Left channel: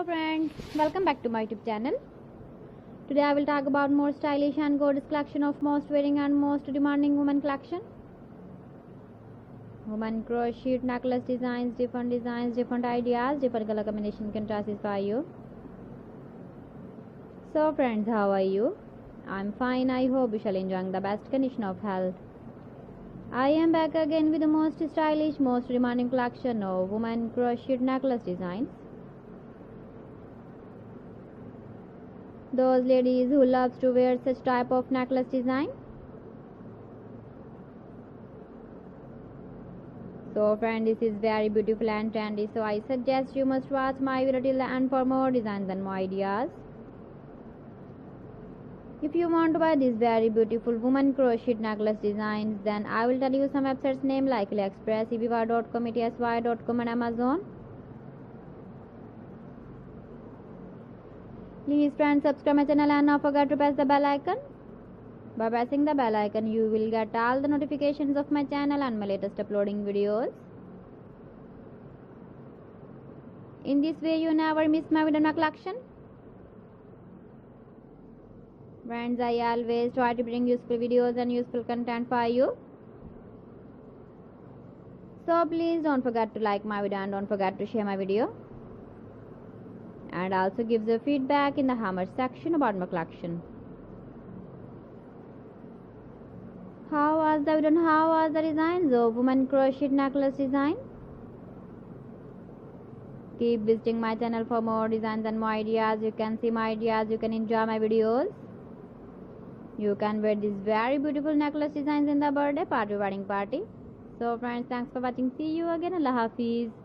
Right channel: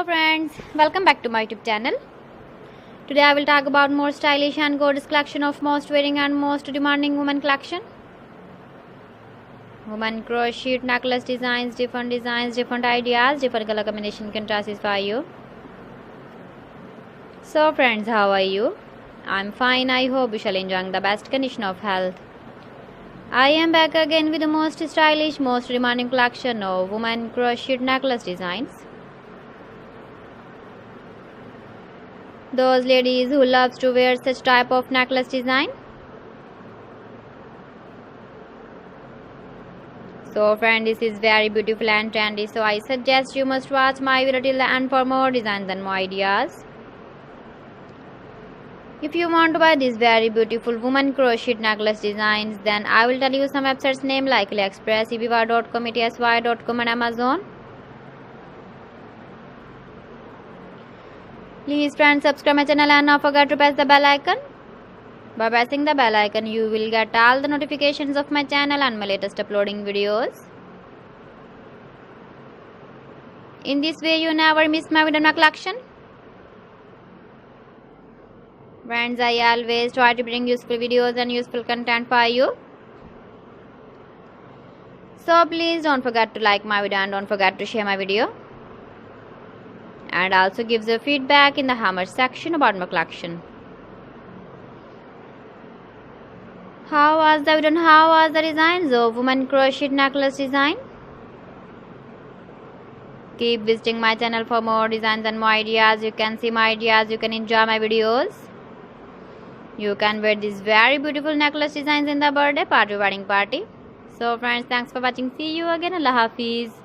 Hello friends, welcome back to my YouTube channel. Today I will talk about more stylish and gorgeous collection of most wearing and most demanding women collection. Women crochet necklace designs, different ideas, different color combination can satisfy you. So friends, how are you? I'm fine. I hope you shall enjoy the best condition of health. I am back again with the most stylish, most demanding collection of women crochet necklace designs. Those ladies who loves to wear such type of necklace design. So friend, this is very beautiful and trendy, so I suggest you must watch my video till the end for more designs and more ideas. If you want to buy these very beautiful woman crochet necklace designs, then I will tell you some websites name like AliExpress, eBay.com, etsy.com and Amazon. Please friends, subscribe my channel and not forget to press the bell icon. By pressing the bell icon, you will get all the notifications of my channel and my latest uploading videos. In this way, you never miss my video collection. Friends, I always try to bring useful videos and useful content for you. So please don't forget to like my video and don't forget to share my video. And also give the feedback in the comment section about my collection. How was the video and how was the designs of women crochet necklace design? Keep visiting my channel for more designs and more ideas. You can see my ideas, you can enjoy my videos. You can wear these very beautiful necklace designs in the birthday party, wedding party. So friends, thanks for watching. See you again. Allah Hafiz.